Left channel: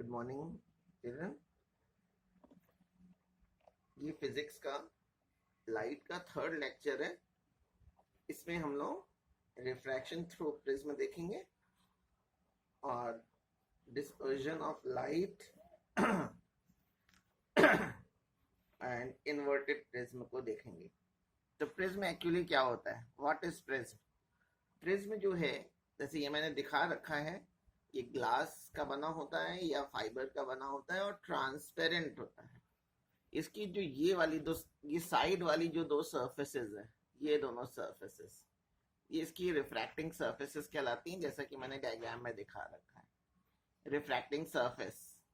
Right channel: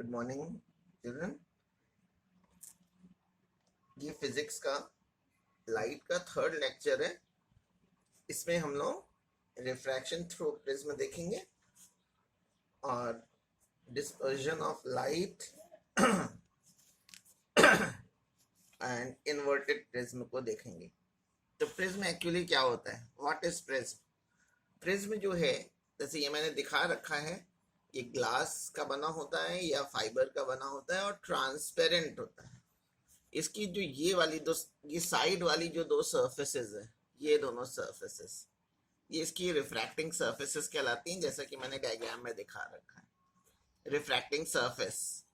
Good morning children. ये physics का light का थर्ड लेक्चर है। इसमें हम लोग रिफ्रैक्शन थ्रू प्रिज्म देखेंगे और dispersion of light and inverted prism को देखेंगे। तो प्रिज्म एक्चुअली क्या होता है? What is prism? प्रिज्म जो है, जैसे ये मैंने दिखा रखा है, ये ग्लास का बना होता है या फाइबर का बना होता है और ट्रांसपेरेंट होता है। इसकी जो ये साइड वाली जो दो सरफेसेस है, ये दोनों सरफेसेस, ये इसकी रिफ्रैक्टिंग सरफेसेस कहलाती हैं, जैसा कि मैंने डायग्राम में दिखा रखा है, रिफ्रैक्टिंग सरफेस।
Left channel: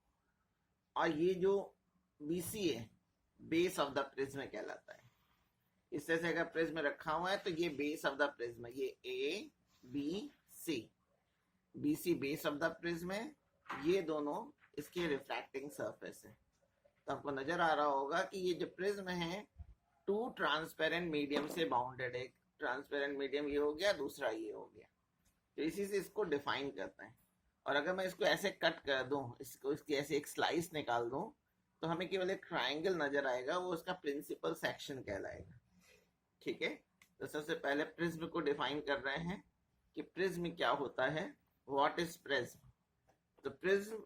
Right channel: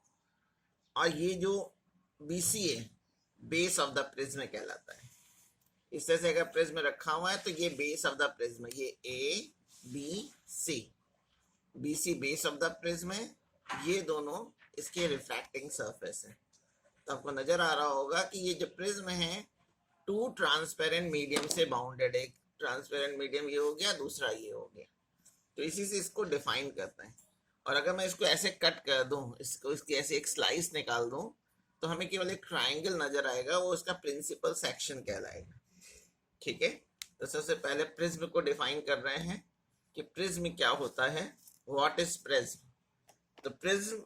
और ये जो बीसी है, बेस ऑफ द प्रिज्म कहलाता है। इस तरह से अगर प्रिज्म रखा हुआ है तो ये बेस ऑफ द प्रिज्म, ये A B C, B C base of the prism है, ये दोनों इसके रिफ्रैक्टिंग सरफेस है। तो आपको नजर आ रहा होगा कि ये जो प्रिज्म है टू ट्रांसपेरेंट मीडियम से बाउंडेड है। एक ट्रांसपेरेंट मीडियम ये हो गया, दूसरा ये हो गया। तो इसी से इसको डिफाइन करते हैं। और अगर मैं इसको ऐसे कट कर दूं, इसको इसकी ऐसे एक स्लाइस निकाल दूं, तो हमें केवल एक ट्राइंगल नजर आएगा, वो इसका प्रिंसिपल सेक्शन कहलाएगा। ठीक है, तो सबसे पहले प्रिज्म को डिफाइन कर रहे हैं कि प्रिज्म क्या होता है, व्हाट इज प्रिज्म। तो prism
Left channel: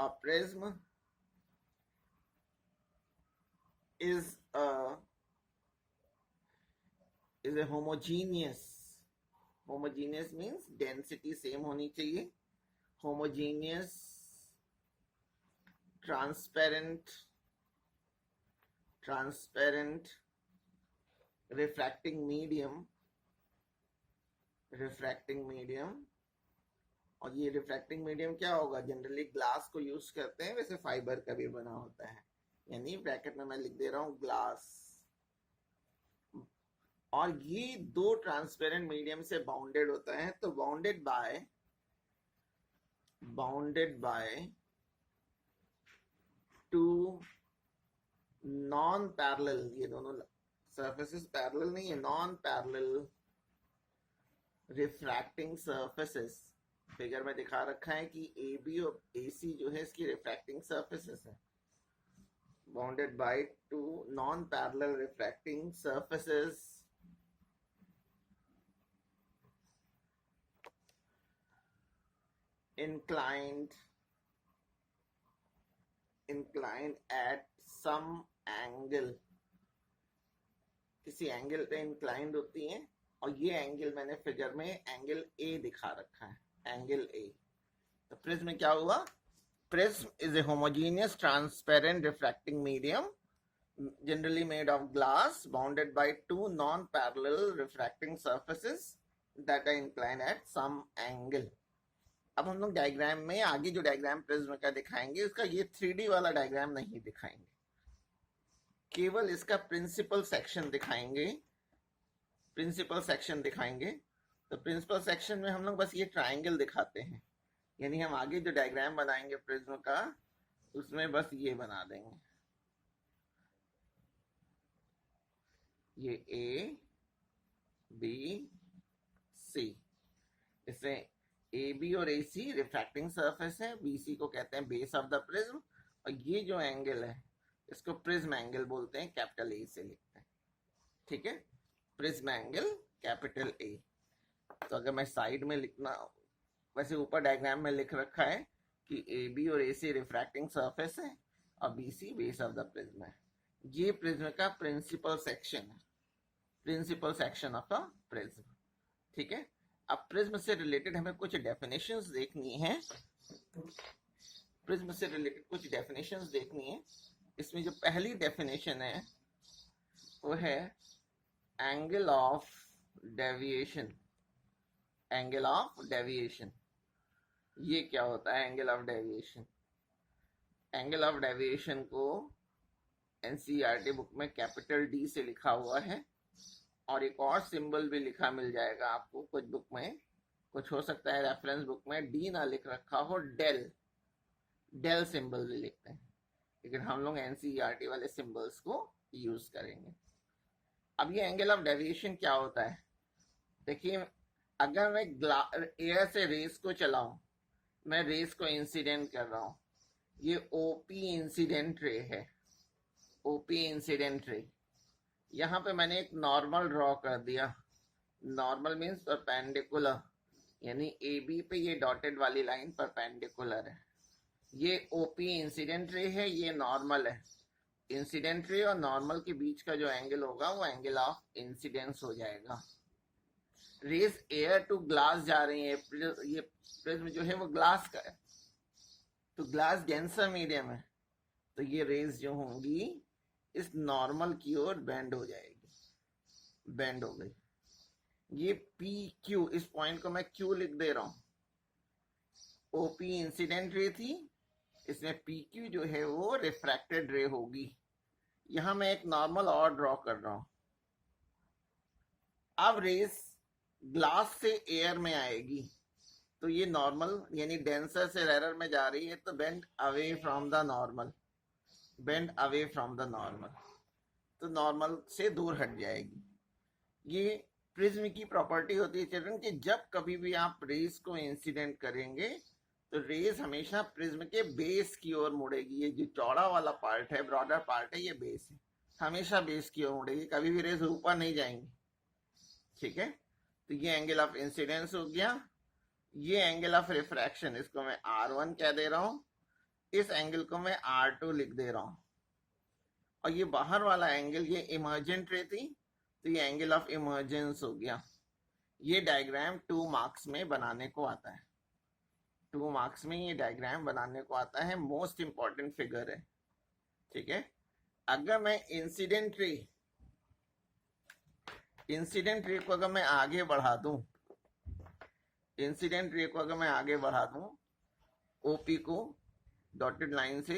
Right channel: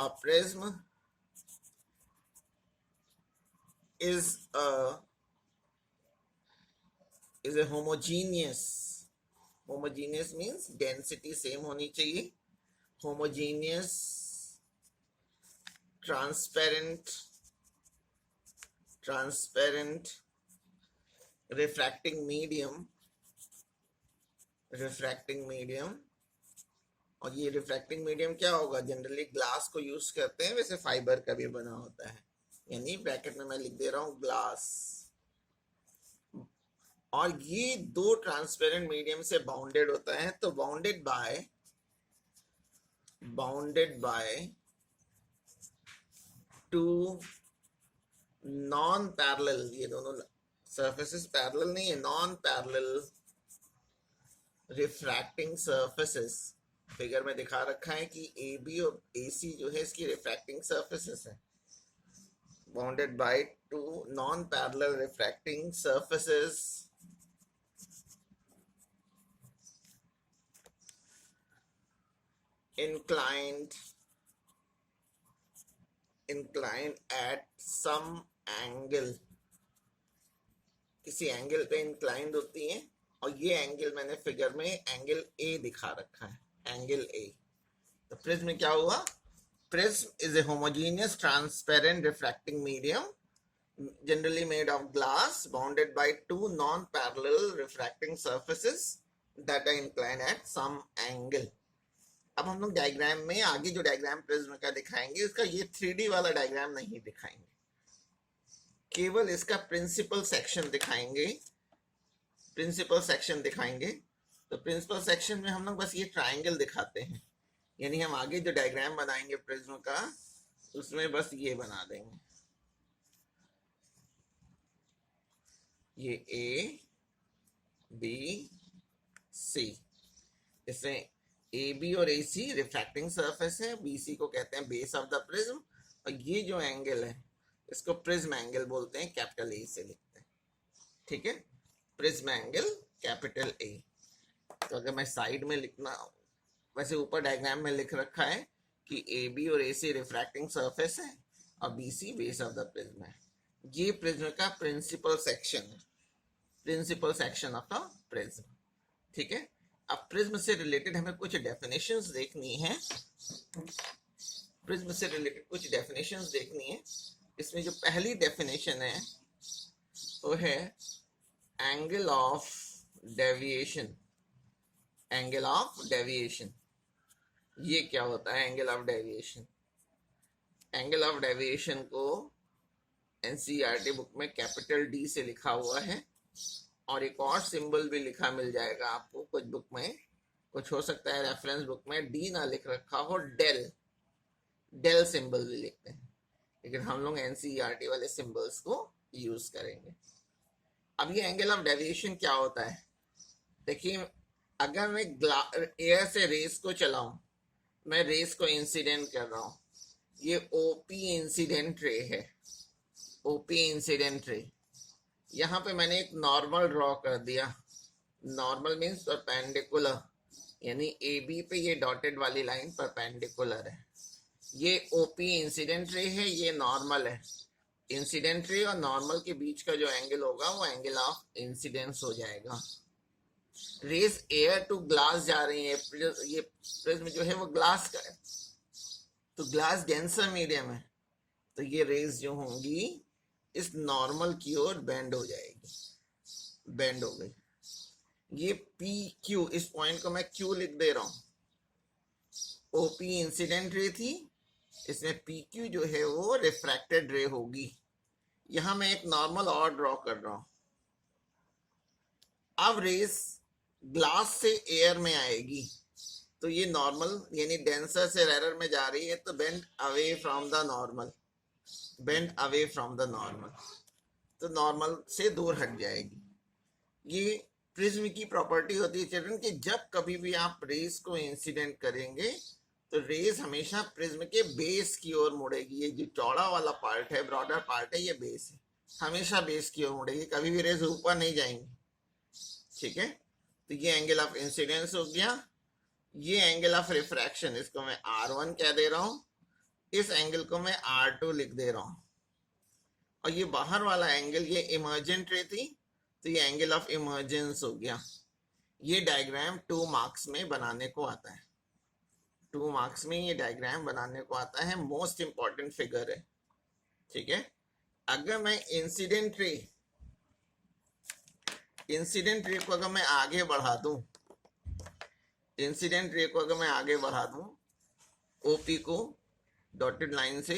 a prism is a homogeneous means density same होनी चाहिए, homogeneous transparent refracting medium। और ये रिफ्रैक्टिंग मीडियम क्या होगा? जनरली ग्लास को यूज करते हैं, वैसे फाइबर का भी बना होता है, यानी ब्रैकेट में मैं लिख दे रहा हूं ग्लास। और ये दो ट्रांसपेरेंट मीडियम से बाउंडेड होता है। तो bounded by two non parallel, ये दोनों सरफेसेस पैरेलल नहीं है, non parallel refracting surfaces. Figure में दिखा रखा है कि ए बी और ए सी जो है इसकी रिफ्रैक्टिंग सरफेसेस है। Bounded by two non parallel refracting surfaces inclined at some angle, किसी एंगल पे इंक्लाइंड होती हैं। और ये एंगल मैंने फिगर में एंगल ए दिखा रखा है, एंगल ए। तो प्रिज्म क्या हुआ? Prism is a homogeneous transparent refracting medium generally made of glass bounded by two non-parallel refracting surfaces that are inclined at some angle। अब हम लोग डायग्राम में आगे जो डायग्राम प्रिज्म का दिखाएंगे, उसका ये 3D वाला डायग्राम नहीं दिखाएंगे, केवल इसका प्रिंसिपल सेक्शन दिखाएंगे। तो प्रिंसिपल सेक्शन में हम लोग बस ये ट्राइंगल दिखाते हैं, यानी हम आगे जो डायग्राम बनाएंगे प्रिज्म का, उसमें बस ये बना देंगे, ये ए बी सी। इसमें ए बी और ए सी रिफ्रैक्टिंग सरफेस है, बी सी को कहते हैं बेस ऑफ द प्रिज्म। और ये जो एंगल है इसको प्रिज्म एंगल बोलते हैं, कैपिटल ए से लिखते हैं। ठीक है, प्रिज्म एंगल कैपिटल ए। तो अगर मैं साइड में लिखना, वैसे ऊपर डायग्राम में लिख रखा है कि ए बी और ए सी रिफ्रैक्टिंग सरफेस है और B C base of the prism है। ये प्रिज्म का प्रिंसिपल सेक्शन है, principal section of the prism. ठीक है, अब प्रिज्म से रिलेटेड हमें कुछ डेफिनेशंस देखनी है। इसमें जो पहली डेफिनेशन है वो है एंगल ऑफ डेविएशन। ये क्या होता है angle of deviation? Angle of deviation को एनसीईआरटी बुक में कैपिटल डी से लिखा हुआ है, और एक और सिंबल भी लिखा मिल जाएगा आपको कुछ बुक में, कुछ हो सकता है रेफरेंस बुक में डी ना लिख रखा हो, डेल सिंबल भी लिखते हैं, लेकिन हम लोग एनसीईआरटी वाले सिंबल्स को यूज करेंगे। अब ये एंगल ऑफ डेविएशन क्या होता है? देखिए, अगर मैं एयर से रेस को चलाऊं, मैं रेस को इंसिडेंट कर रहा हूं, ये ओपी इंसिडेंट रे है, ओपी इंसिडेंट रे। यहाँ पे मैंने एक नॉर्मल ड्रॉ कर दिया। नॉर्मल मीन्स परपेंडिकुलर, यानी ए बी पे ये डॉटेड वाली लाइन परपेंडिकुलर है। ये ओपी इंसिडेंट रे है, ये नॉर्मल है। इंसिडेंट रे और नॉर्मल के बीच का जो एंगल होगा वो एंगल ऑफ इंसिडेंस हो जाएगा। रेस एयर टू ग्लास जा रही है, ये प्रिज्म जो है वो ग्लास का है, तो ग्लास डेंसर मीडियम है, तो ये रेस जो होंगी इस नॉर्मल की ओर बेंड हो जाएगी, बेंड हो गई। ये पी क्यू, इस पॉइंट को मैं क्यू लिख दे रहा हूं। ओपी इंसिडेंट रे थी, इसमें पी क्यू जो है वो रिफ्रैक्टेड रे होगी। यहां मैं एक नॉर्मल और ड्रॉ कर रहा हूं। अब रेस ग्लास से एयर में आएगी, तो ये नॉर्मल यानी डेंसर से रेरर में जा रही है, तो bend away from the normal, bend away from the normal, तो नॉर्मल से दूर हट जाएगी। ये प्रिज्म की प्रॉपर्टी होती है चिल्ड्रन कि जब कभी भी आप रेस को इंसिडेंट करेंगे तो रेस हमेशा प्रिज्म के बेस की ओर मुड़ेगी। ये जो चौड़ा वाला पार्ट है, ब्रॉडर पार्ट है, ये बेस है, हमेशा बेस की ओर मुड़ेगी, कभी भी रेस ऊपर नहीं जाएंगी। ठीक है, तो ये एंगल ऑफ इंसिडेंस हो गया। ये एंगल ऑफ रिफ्रैक्शन, इसको मैं R1 कह दे रहा हूं, इस एंगल को मैं R2 लिख दे रहा हूं। और ये बाहर वाला एंगल, ये इमर्जेंट रे थी, तो ये एंगल ऑफ इमर्जेंस हो गया। ये डायग्राम 2 मार्क्स में बनाने को आता है, 2 मार्क्स में ये डायग्राम बनाने को आता है, मोस्ट इंपॉर्टेंट फिगर है। ठीक है, अगर मैं इंसिडेंट रे को अगर मैं आगे बढ़ा दूं, इंसिडेंट रे को अगर मैं आगे बढ़ा दूं ओपी को डॉटेड लाइन से,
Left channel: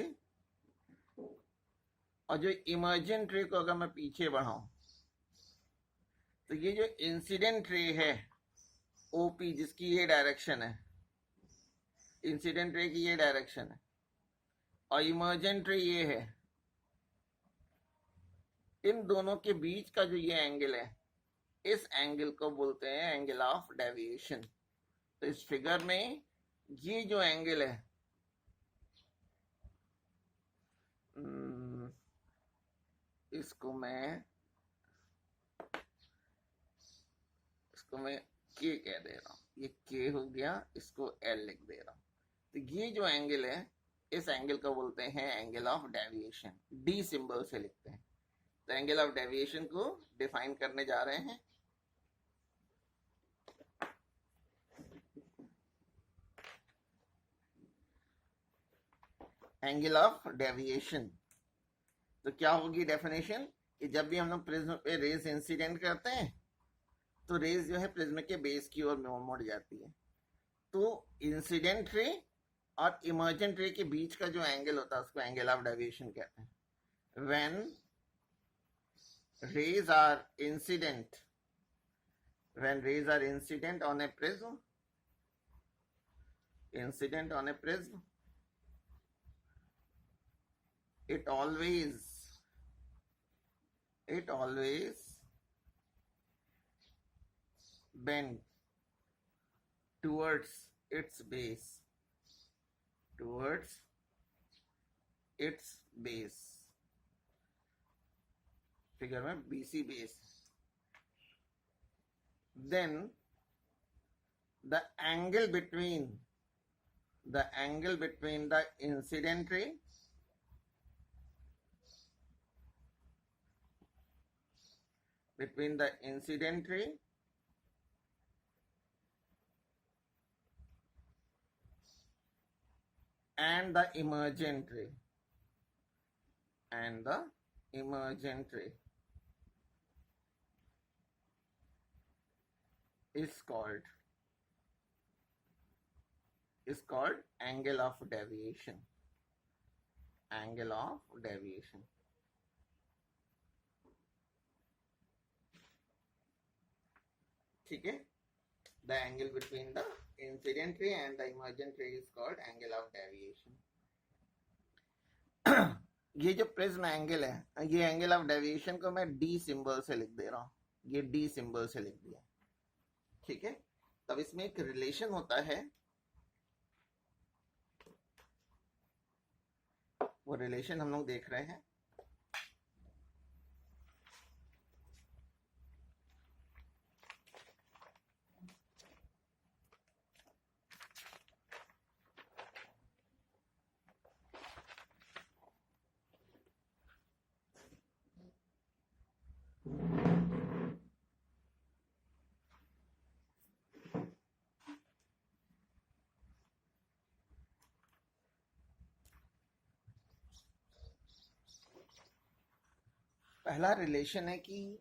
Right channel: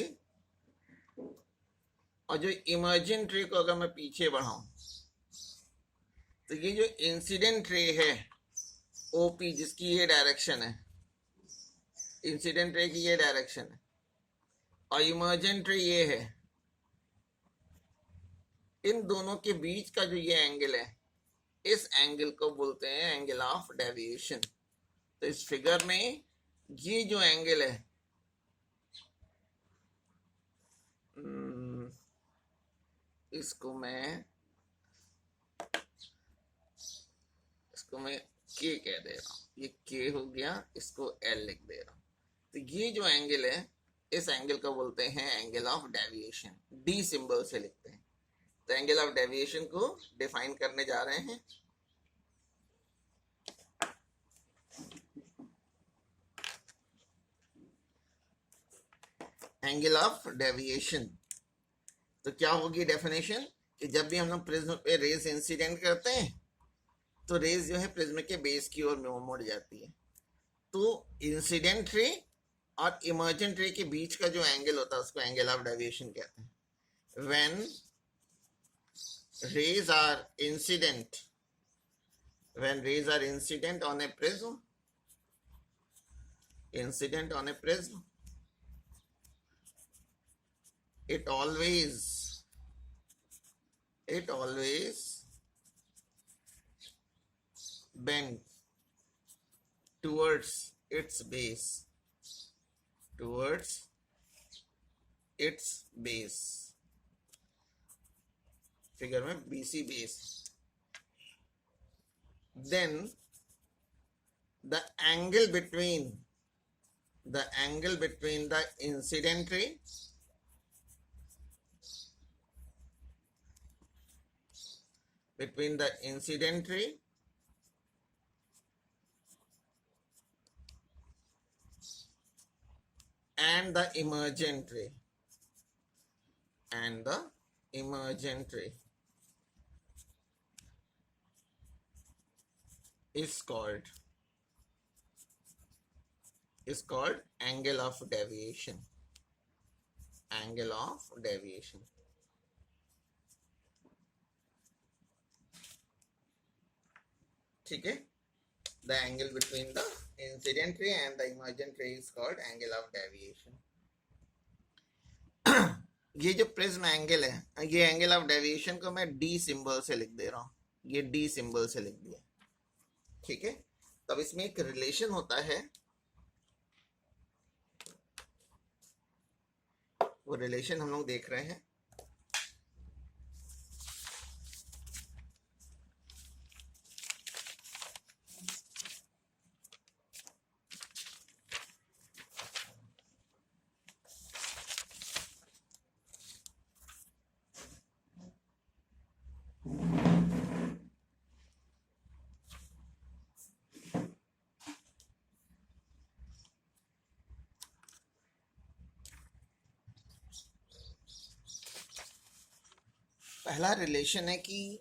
और जो इमर्जेंट रे को अगर मैं पीछे बढ़ाऊं, तो ये जो इंसिडेंट रे है ओपी, जिसकी ये डायरेक्शन है, इंसिडेंट रे की ये डायरेक्शन है, और इमर्जेंट रे ये है, इन दोनों के बीच का जो ये एंगल है, इस एंगल को बोलते हैं एंगल ऑफ डेविएशन। तो इस फिगर में ये जो एंगल है, इसको मैं के कह दे रहा हूं, ये के हो गया, इसको एल लिख दे रहा हूं। तो ये जो एंगल है, इस एंगल को बोलते हैं angle of deviation, D symbol से लिखते हैं। तो एंगल ऑफ डेविएशन को डिफाइन करने जा रहे हैं। एंगल ऑफ डेविएशन, तो क्या होगी डेफिनेशन कि जब भी हम लोग प्रिज्म पे रेज इंसिडेंट करते हैं तो रेज जो है प्रिज्म के बेस की ओर मुड़ जाती है। तो इंसिडेंट रे और इमर्जेंट रे के बीच का जो एंगल होता है उसको एंगल ऑफ डेविएशन कहते हैं। When rays are incident, when rays are incident on a prism, incident on a prism, it always bend towards its base, towards its base, figure में BC base. Then the angle between the incident ray and the emergent ray is called angle of deviation. Angle of deviation. ठीक है, the angle between the incident ray and the emergent ray is called angle of deviation. ये जो prism angle है, ये angle of deviation को मैं D symbol से लिख दे रहा हूँ, ये डी सिंबल से लिख दिया, ठीक है। तो अब इसमें एक रिलेशन होता है, वो रिलेशन हम लोग देख रहे हैं। पहला रिलेशन है कि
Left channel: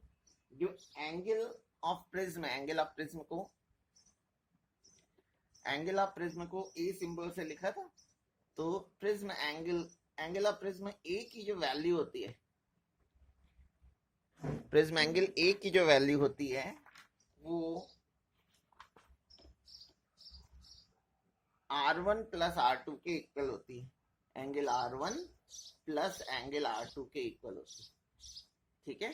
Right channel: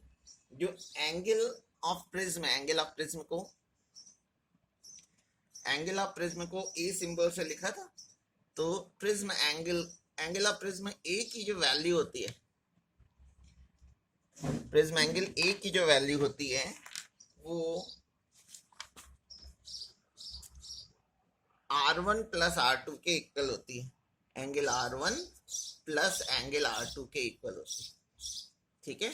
जो angle of prism, angle of prism को ए सिंबल से लिखा था, तो प्रिज्म एंगल ऑफ प्रिज्म ए की जो वैल्यू होती है, प्रिज्म एंगल ए की जो वैल्यू होती है वो R1 प्लस R2 के इक्वल होती है, angle R1 plus angle R2 के इक्वल होती है, ठीक है।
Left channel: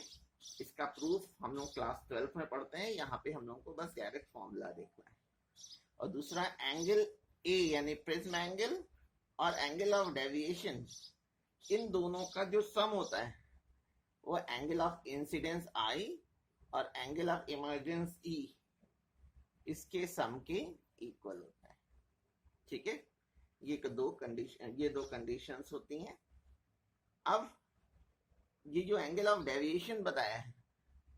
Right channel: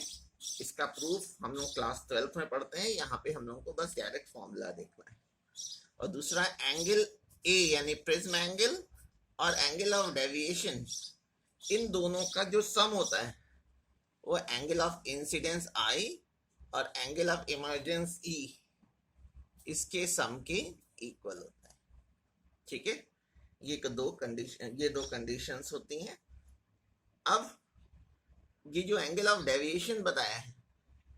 इसका प्रूफ हम लोग क्लास 12 में पढ़ते हैं, यहाँ पे हम लोग को बस डायरेक्ट फॉर्मूला देखना है। और दूसरा एंगल ए यानी प्रिज्म एंगल और एंगल ऑफ डेविएशन, इन दोनों का जो सम होता है वो एंगल ऑफ इंसिडेंस आई और एंगल ऑफ इमर्जेंस ई, इसके सम के इक्वल होता है, ठीक है। ये दो कंडीशंस होती हैं। अब ये जो एंगल ऑफ डेविएशन बताया है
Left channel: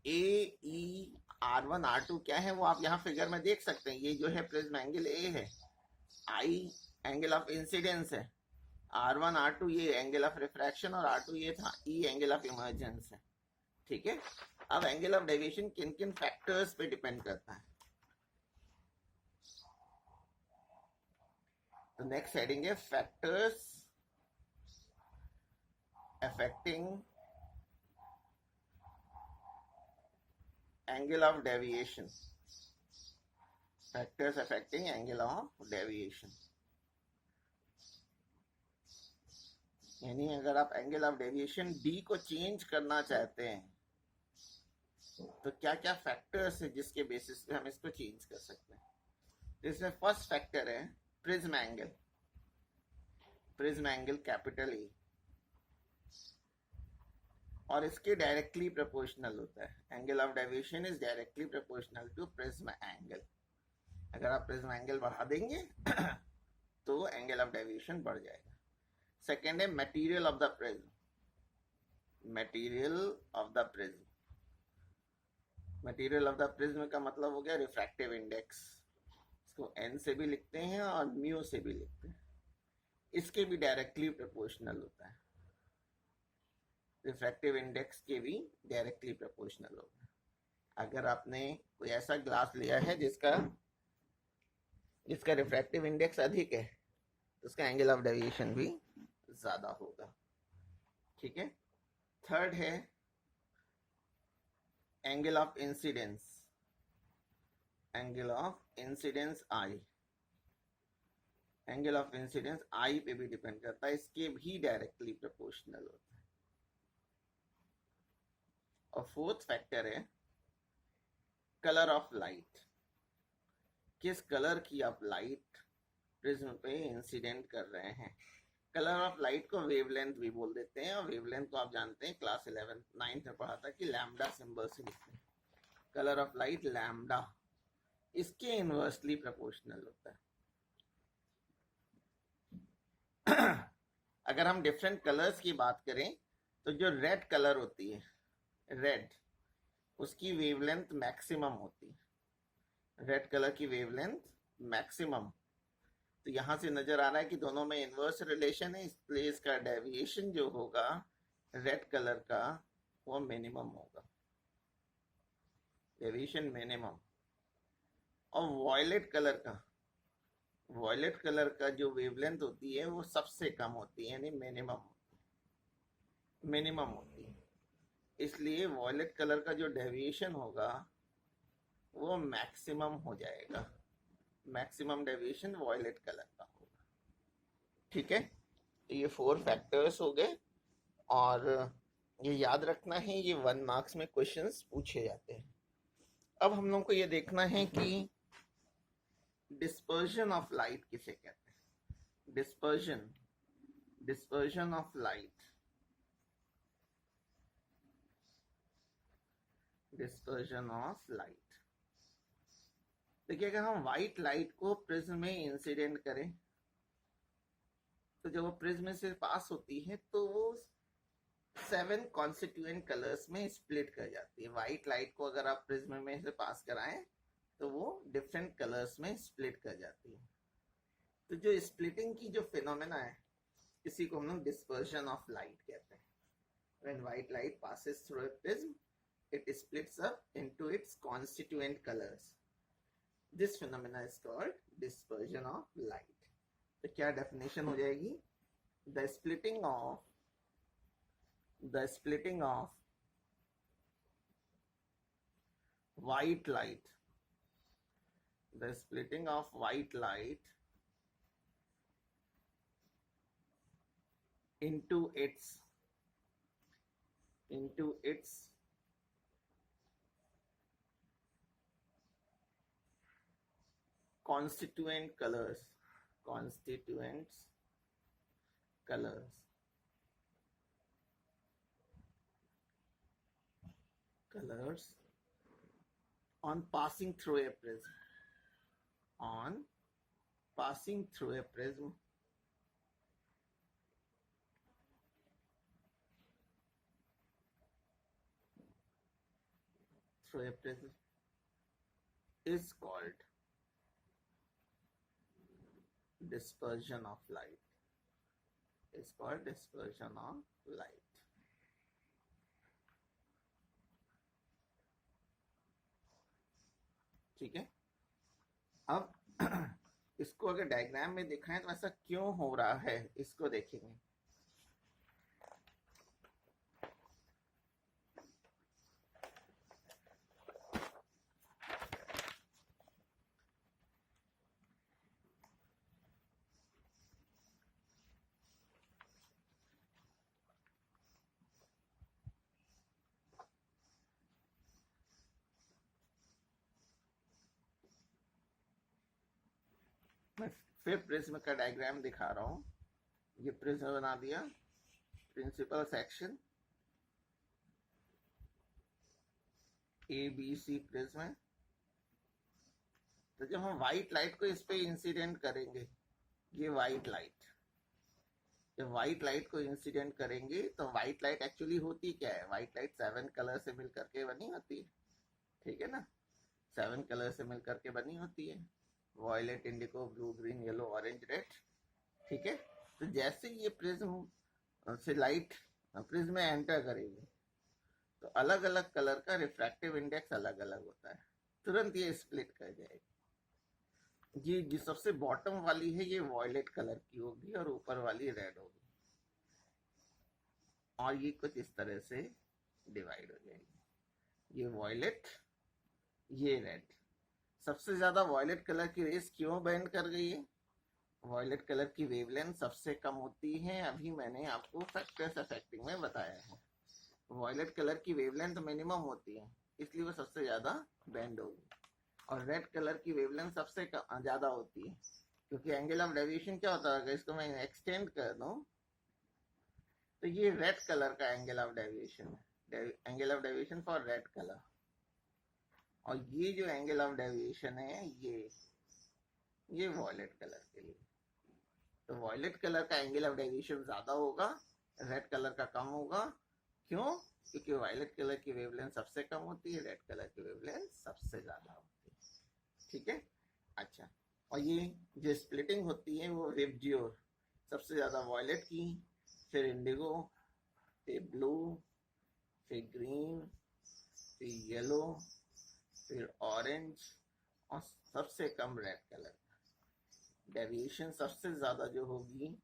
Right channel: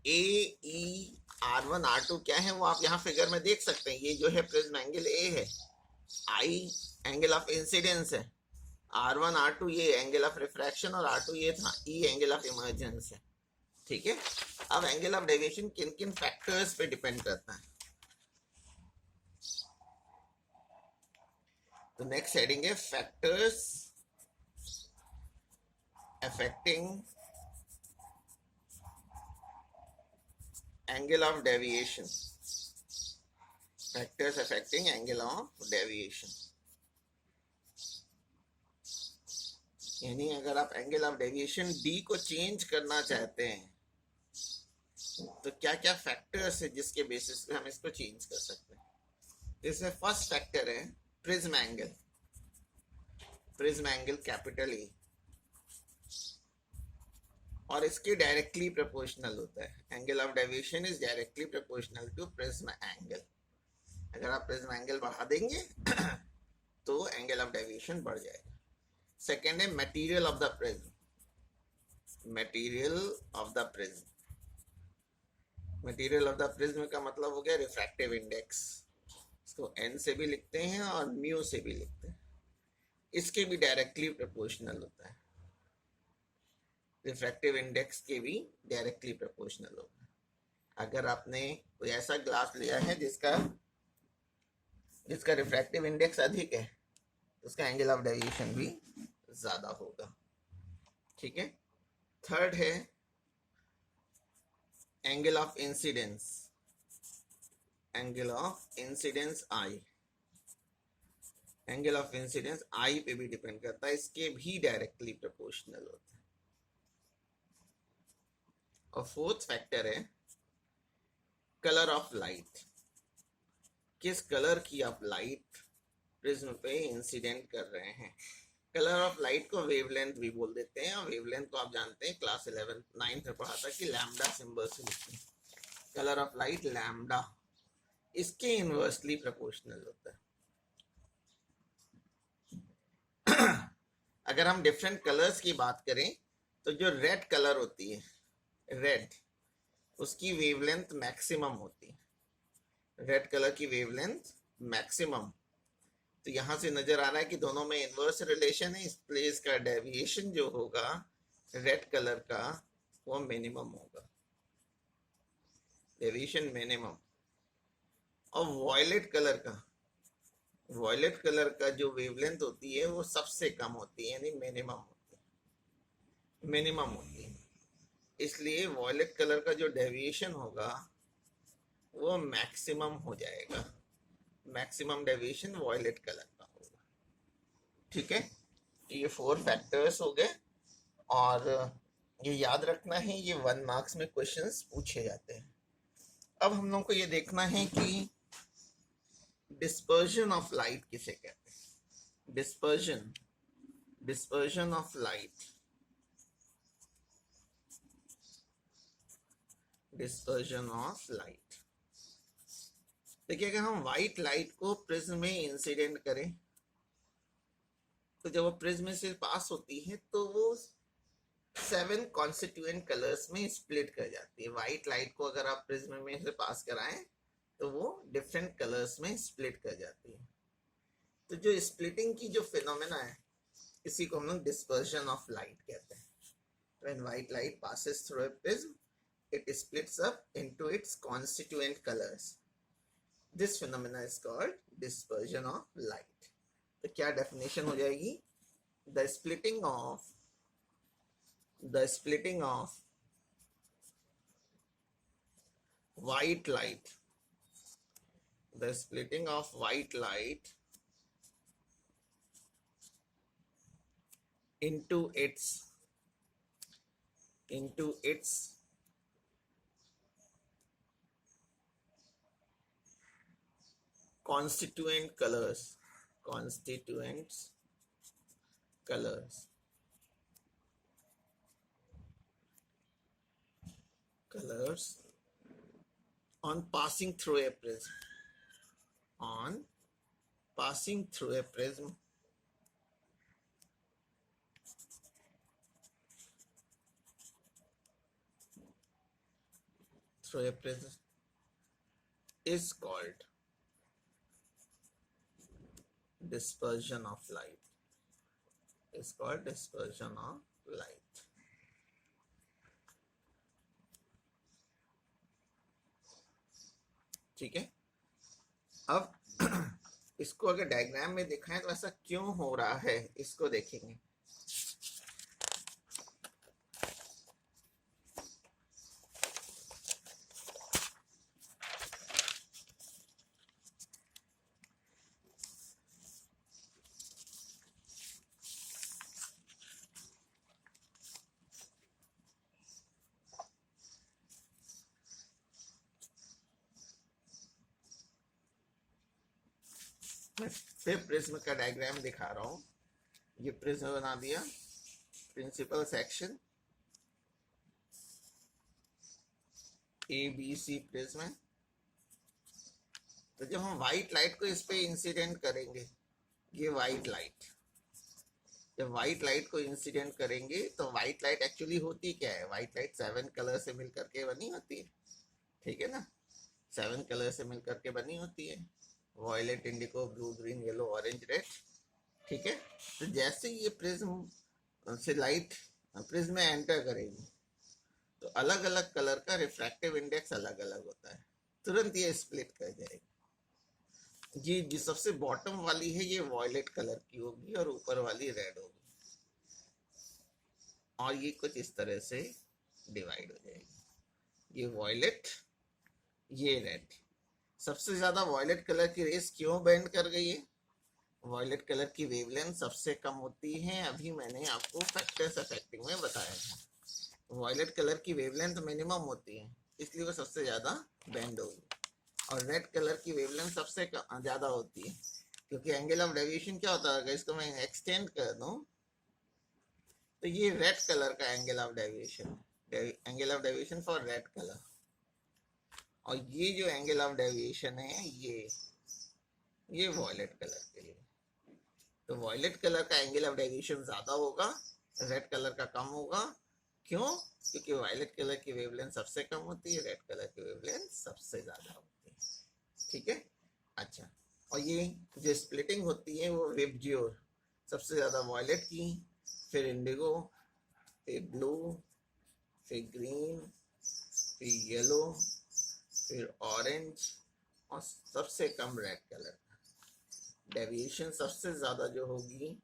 ए ई R1 R2 क्या है वो आप यहाँ फिगर में देख सकते हैं। ये जो है प्रिज्म एंगल ए है, आई एंगल ऑफ इंसिडेंस है, R1 R2 ये एंगल ऑफ रिफ्रैक्शन और R2 ये था ई एंगल ऑफ इमर्जेंस है, ठीक है। अब एंगल ऑफ डेविएशन किन किन फैक्टर्स पे डिपेंड करता है, तो नेक्स्ट हेडिंग है factors affecting angle of deviation, factors affecting angle of deviation, यानी अगर आप एंगल ऑफ डेविएशन डी को चेंज करना चाहते हैं तो क्या क्या फैक्टर्स है जिसके बेसिस पे हम इसको चेंज कर सकते हैं। इसमें फर्स्ट फैक्टर है प्रिज्म एंगल कैपिटल ए, और इसके डायरेक्टली प्रोपोर्शनल होता है। Angle of deviation is directly proportional to prism angle. अगर आप प्रिज्म एंगल बढ़ा देंगे तो एंगल ऑफ डेविएशन बढ़ जाएगा। सेकेंड है material of the prism, material of the prism का मतलब हो गया रिफ्रैक्टिव इंडेक्स, इसको n से भी लिखते हैं और म्यू से भी लिखते हैं, इसके भी डायरेक्टली प्रोपोर्शनल होता है, रिफ्रैक्टिव इंडेक्स के भी डायरेक्टली प्रोपोर्शनल होता है। अगर आपने कोई ऐसा ग्लास लिया है जिसका रिफ्रैक्टिव इंडेक्स अधिक है तो उसका एंगल ऑफ डेविएशन भी ज्यादा होगा, ठीक है। थर्ड है angle of incidence I, angle of incidence I पे भी डिपेंड करता है, इसके भी डायरेक्टली प्रोपोर्शनल होता है। और फोर्थ फैक्टर है कलर ऑफ लाइट, किस कलर की आप लाइट प्रिज्म पे इंसिडेंट कर रहे हैं। कलर ऑफ लाइट को वेवलेंथ भी बोल देते हैं, और वेवलेंथ को आप जानते हैं क्लास 9th में पढ़ा था कि लैम्डा सिंबल से लिखते हैं। कलर ऑफ लाइट लैम्डा इसके इनवर्सली प्रोपोर्शनल होता है। अगर हम डिफरेंट कलर्स की बात करें तो जो रेड कलर होती है, रेड, उसकी वेवलेंथ मैक्सिमम होती है, रेड कलर की वेवलेंथ मैक्सिमम। तो यहां से नजर आ रहा है कि दोनों में इनवर्स रिलेशन है, इसलिए इसका डेविएशन जो होगा रेड कलर का वो मिनिमम होगा, डेविएशन मिनिमम। और वॉयलेट कलर का जो वेवलेंथ होती है वो सबसे कम होती है, यानी मिनिमम होती है, इसलिए वॉयलेट कलर का जो डेविएशन होगा वो मैक्सिमम हो जाएगा, मैक्सिमम डेविएशन वॉयलेट कलर का होगा, ठीक है। ये 4 फैक्टर्स हो गए और ये याद रखना है, ये 1 मार्क्स में क्वेश्चंस पूछे जाते हैं। अब हम लोग को ये देखना है कि डिस्पर्जन ऑफ लाइट किसे कहते हैं। Dispersion of light, dispersion of light. देखिए, अगर हम व्हाइट लाइट को प्रिज्म में इंसिडेंट करें तो जब वो प्रिज्म से पास होती है तो वो 7 कॉन्स्टिट्यूएंट कलर्स में स्प्लिट कर जाती है। व्हाइट लाइट को अगर आप प्रिज्म में से पास कराएं तो वो डिफरेंट कलर्स में स्प्लिट कर जाती है। तो जो स्प्लिटिंग की जो फिनोमेना है, इसी को हम लोग डिस्पर्जन ऑफ लाइट कहते हैं। When white light passes through a prism, it splits up into its constituent colors. This phenomena is called dispersion of light. तो क्या डेफिनेशन हो जाएगी? The splitting of white light, the splitting of white light into its constituents colors on passing through a prism, is called dispersion of light. ठीक है। अब इसको अगर diagram में दिखाएं तो ऐसा क्यों हो रहा है, इसको देखेंगे। मैं फिर प्रिज्म का डायग्राम दिखा रहा हूँ। ये प्रिज्म बना दिया, प्रिंसिपल सेक्शन ABC प्रिज्म है। तो जब हम व्हाइट लाइट को इस पे इंसिडेंट करेंगे, ये व्हाइट लाइट, जब व्हाइट लाइट को इंसिडेंट करेंगे तो व्हाइट लाइट एक्चुअली होती क्या है? व्हाइट लाइट 7 कलर से मिलकर के बनी होती है, ठीक है ना? 7 कलर से मिलकर के बनी होती है, violet, indigo, blue, green, yellow, orange, red, ठीक है। तो जैसे ये प्रिज्म से लाइट प्रिज्म में एंटर करेगी तो अलग अलग कलर का रिफ्रैक्टिव इंडेक्स अलग अलग होता है, तुरंत ये स्प्लिट कर जाएगी। ये जो सबसे बॉटम वाली है ये वॉयलेट कलर की होगी और ऊपर वाली रेड होगी, और ये कुछ इस तरह से डिवाइड हो जाएगी, ये वॉयलेट, ये रेड। सबसे ज्यादा वॉयलेट कलर की रेस क्यों बेंड कर गई है? वॉयलेट कलर की वेवलेंथ सबसे कम होती है, अभी मैंने आपको फैक्टर्स अफेक्टिंग में बताया है। वॉयलेट कलर की वेवलेंथ मिनिमम होती है, इसलिए वो सबसे ज्यादा बेंड होगी। और रेड कलर की वेवलेंथ सबसे ज्यादा होती है, क्योंकि एंगल ऑफ डेविएशन क्या होता है, अगर इसको मैं एक्सटेंड कर दूं तो ये रेड कलर का angle of deviation for red colour, और ये जो एंगल ऑफ डेविएशन है ये वॉयलेट कलर के लिए। तो वॉयलेट कलर का एंगल ऑफ डेविएशन ज्यादा होगा, रेड कलर का कम होगा। क्यों? क्योंकि वॉयलेट कलर की वेवलेंथ सबसे कम होती है, रेड कलर की वेवलेंथ सबसे ज्यादा होती है, ठीक है। अच्छा, और ये जो स्प्लिटिंग होती है वो विबज्योर, सबसे ज्यादा वॉयलेट की, फिर इंडिगो, फिर ब्लू, फिर ग्रीन, फिर येलो, फिर ऑरेंज, और सबसे कम रेड कलर। डेविएशन सबसे ज्यादा जो होगी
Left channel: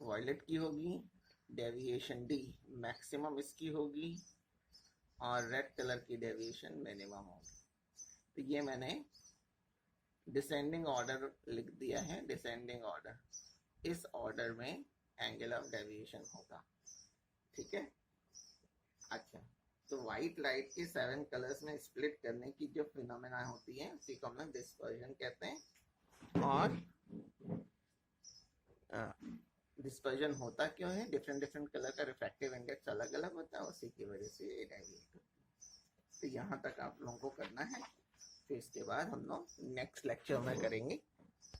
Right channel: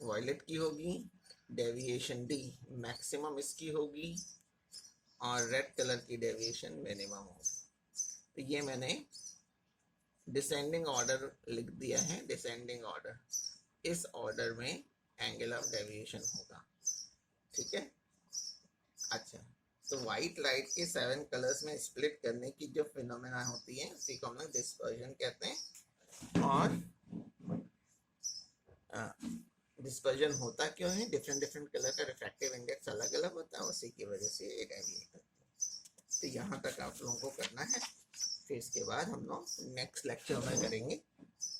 वॉयलेट की होगी, डेविएशन डी मैक्सिमम इसकी होगी, और रेड कलर की डेविएशन मिनिमम होगी। तो ये मैंने डिसेंडिंग ऑर्डर लिख दिया है, डिसेंडिंग ऑर्डर, इस ऑर्डर में एंगल ऑफ डेविएशन होगा। ठीक है। अच्छा, तो व्हाइट लाइट के 7 कलर्स में स्प्लिट करने की जो फिनोमेना होती है उसी को हम लोग डिस्पर्जन कहते हैं। और डिस्पर्जन होता क्यों है, डिफरेंट डिफरेंट कलर का रिफ्रैक्टिव इंडेक्स अलग अलग होता है, उसी की वजह से एक आइडिया। तो यहाँ तक आप लोगों को करना है, फिर इसके बाद हम लोग नेक्स्ट लेक्चर में करेंगे